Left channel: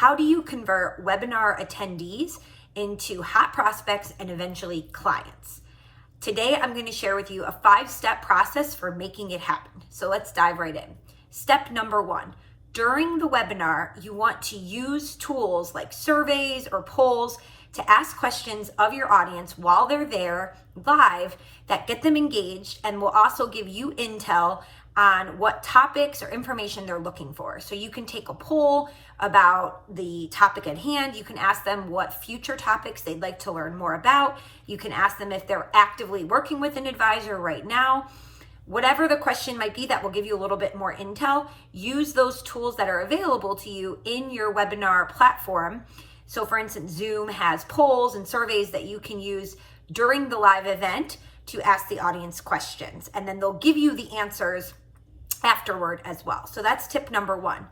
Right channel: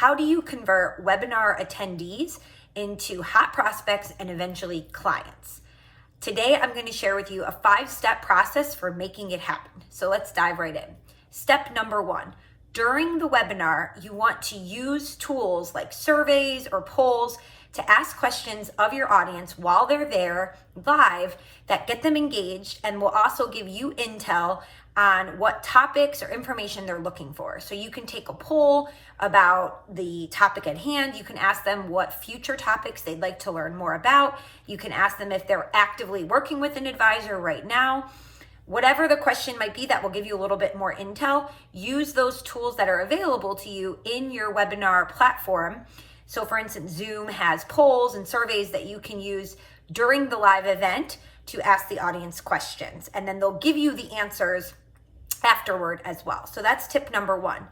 how do you convert webinar attendees into hot prospects and eventually clients? Today, I'm going to share with you a 5-step process for making it happen. So let's dive right in. Step number 1. During the webinar, you want to use tools like surveys or polls to ask questions of your audience while they're there live that get them engaged and will also give you intel on what topics or information they're looking for. So you can take a poll about the topic at hand. You can ask them what future topics they'd like to learn more about. You can ask them if they're actively working with an advisor right now. Whatever the question might be that will give you a little bit more intel, use those tools that are available to you in your webinar platform. So for instance, Zoom has polls and surveys that you can use during the live event to ask the audience questions, and then they'll give you the answers afterward as well. So that's tip number 1.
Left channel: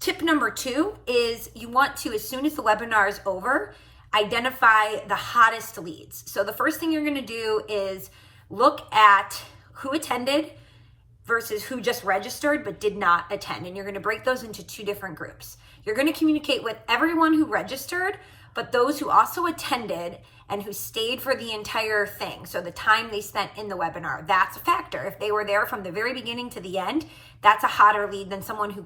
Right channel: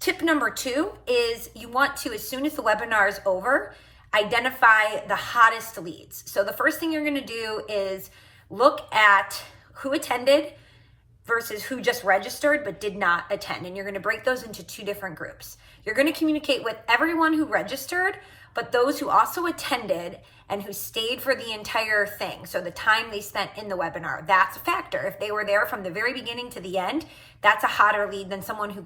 Tip number 2 is you want to, as soon as the webinar is over, identify the hottest leads. So the first thing you're going to do is look at who attended versus who just registered but did not attend. And you're going to break those into 2 different groups. You're going to communicate with everyone who registered, but those who also attended and who stayed for the entire thing. So the time they spent in the webinar, that's a factor. If they were there from the very beginning to the end, that's a hotter lead than someone who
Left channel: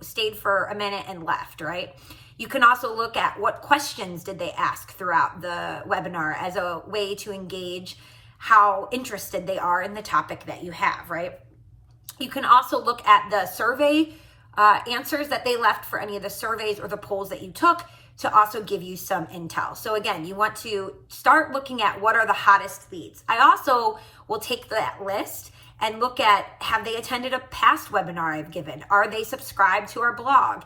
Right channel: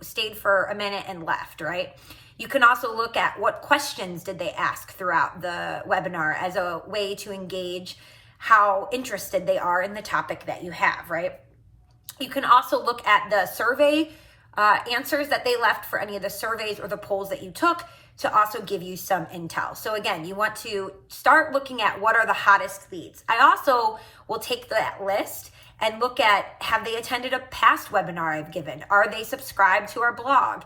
stayed for a minute and left, right? You can also look at what questions did they ask throughout the webinar as a way to engage how interested they are in the topic that you have, right? You can also look at the survey answers that they left for any of the surveys or the polls that you took to also give you some intel. So again, you want to start looking at what are the hottest leads. I also will take that list and look at, have they attended a past webinar I've given? Are they subscribed to our blog?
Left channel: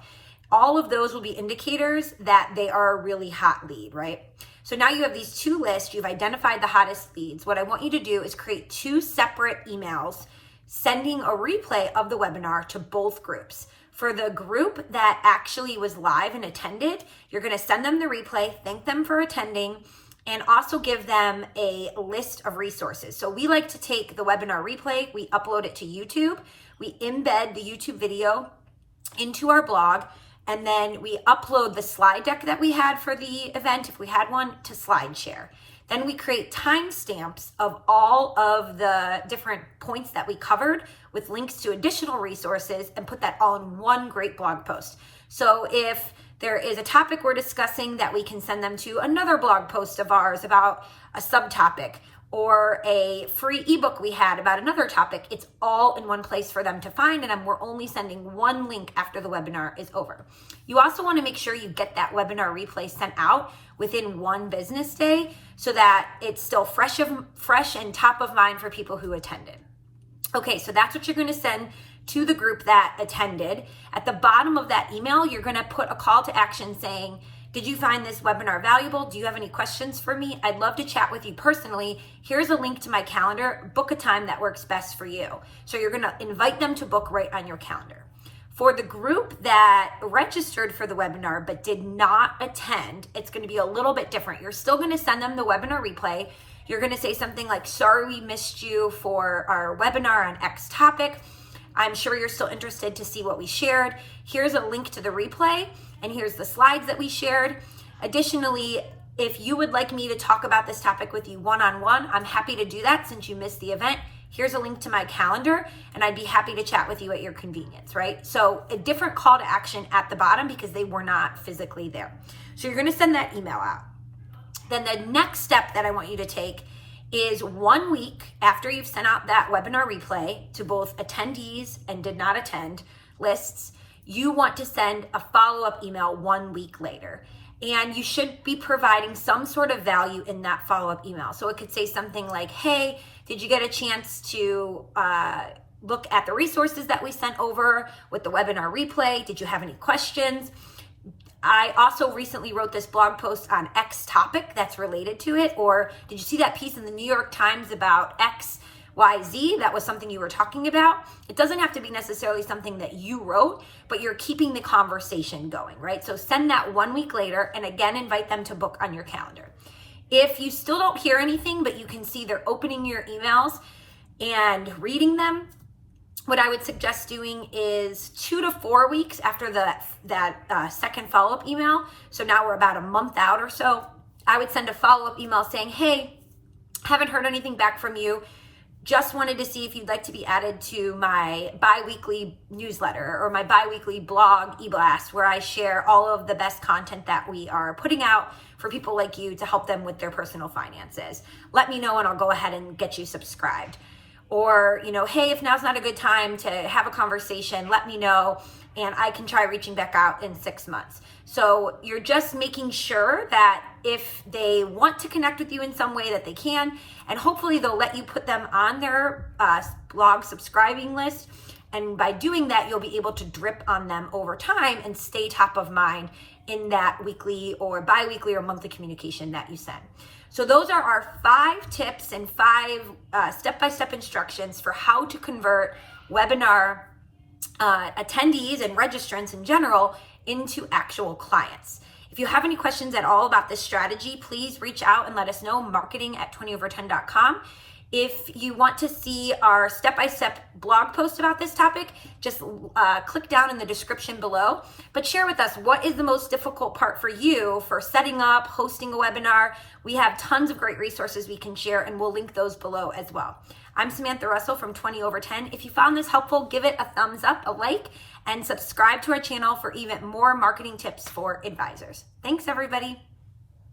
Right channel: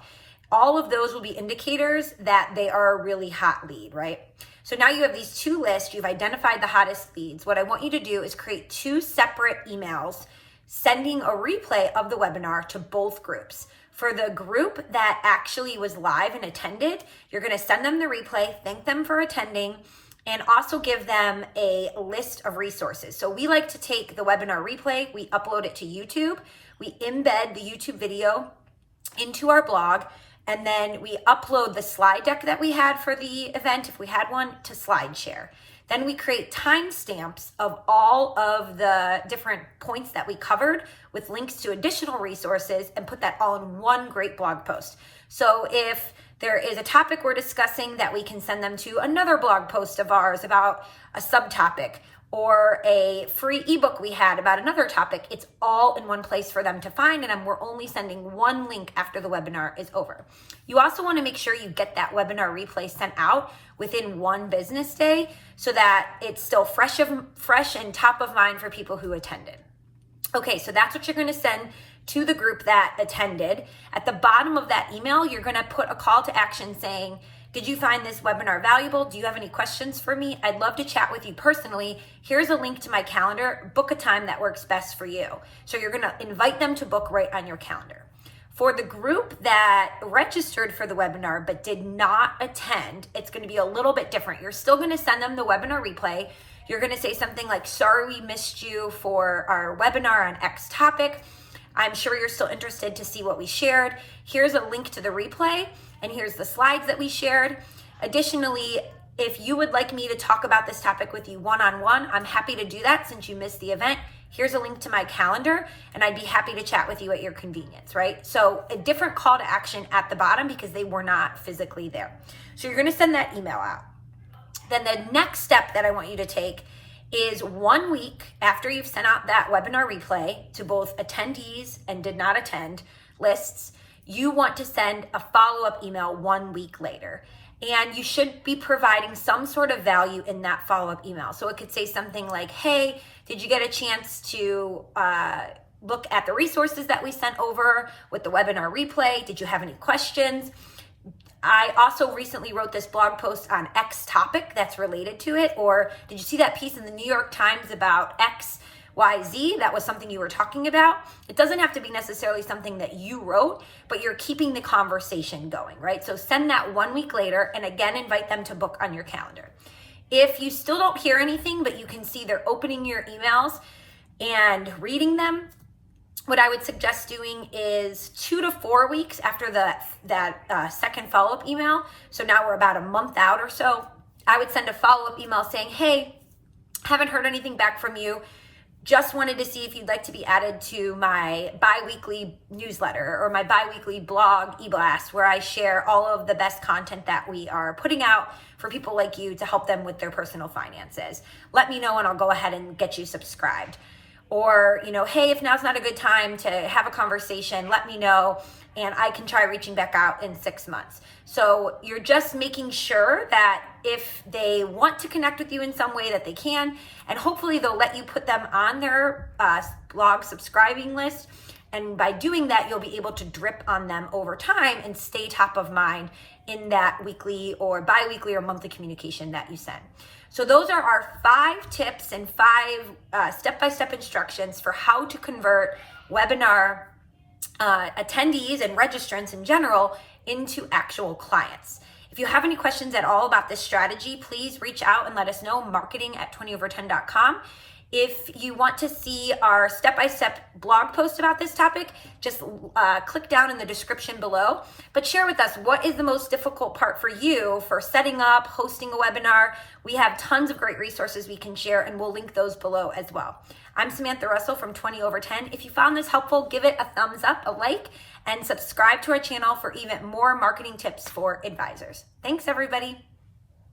All of those will be indicators that they are a really hot lead, right? So now you have these 2 lists, you've identified the hottest leads. What I want you to do is create 2 separate emails sending a replay of the webinar to both groups. For the group that actually was live and attended, you're going to send them the replay, thank them for attending, and also give them a list of resources. So we like to take the webinar replay, we upload it to YouTube, we embed the YouTube video into our blog, and then we upload the slide deck that we had for the event, if we had one, to SlideShare. Then we create timestamps of all of the different points that we covered with links to additional resources and put that all in one great blog post. So if there is a topic we're discussing, that we can send them to another blog post of ours about a subtopic, or a free ebook we had about another topic. It's all in one place for them to find, and we're only sending one link after the webinar is over. You also want to make sure you get that webinar replay sent out within 1 business day so that it's still fresh and top of mind for people who attended. Okay, so that's what you're going to send to the group that attended. At the bottom of that email, you're going to put a call to action saying, did you find this webinar valuable? Do you have any questions for me? I'd love to chat with you personally. Here's a link to my calendar. Book a time that works best for you. So you're going to invite them to book right on your calendar. For the group that registered for the webinar but did not attend, it's going to be a little bit different. You're still going to send them the webinar replay. You're going to say something like, sorry we missed you for our webinar on X topic. I'm sure you're still interested to see what we shared. Here's a link to the replay, and here's the slides that we shared. Additionally, if you would like me to talk about this topic with you one-on-one, I'm happy to do that since you missed the event. Here's a link to my calendar, and I'd be happy to chat with you at your convenience, right? So a different call to action at the bottom because they were not physically there. So you're going to send that email out. Then the next step that I want you to take is 1 week after you've sent out that webinar replay to both attendees and did not attend lists, you want to send a follow-up email 1 week later. And you should be providing some sort of value in that follow-up email. So it could say something like, hey, did you get a chance to look at the resources that we sent over with the webinar replay? Did you have any questions? I also recently wrote this blog post on X topic that's related to it. Or did you see that piece in the New York Times about X, Y, Z? That was something you were talking about. It doesn't have to be necessarily something that you wrote, but you're keeping the conversation going, right? So send that 1 week later, and again, invite them to book on your calendar. If you still don't hear anything, but you can see they're opening your emails and reading them, what I would suggest doing is 2 to 4 weeks after that second follow-up email. So now we're about a month out or so. I would send a follow-up email saying, hey, haven't heard anything back from you. Just wanted to see if you'd like to be added to my bi-weekly newsletter or my bi-weekly blog e-blast, where I share all of the best content that we are putting out for people like you to help them with their personal finances. Let me know and I'll go ahead and get you subscribed. Or, hey, if now's not a good time to have a conversation, let me know and I can try reaching back out in 6 months. So you're just making sure that if they want to connect with you in some way that they can, and hopefully they'll let you put them on their blog subscribing list. And by doing that, you'll be able to drip on them over time and stay top of mind in that weekly or bi-weekly or monthly communication that you send. So those are our 5 tips and 5 step-by-step instructions for how to convert webinar attendees and registrants in general into actual clients. If you have any questions at all about this strategy, please reach out and let us know, marketing@20over10.com. If you want to see our step-by-step blog post about this topic, just click down in the description below. But share with us, what is the most difficult part for you for setting up, hosting a webinar? We have tons of great resources we can share, and we'll link those below as well. I'm Samantha Russell from 20 over 10. If you found this helpful, give it a thumbs up, a like, and subscribe to our channel for even more marketing tips for advisors. Thanks, everybody.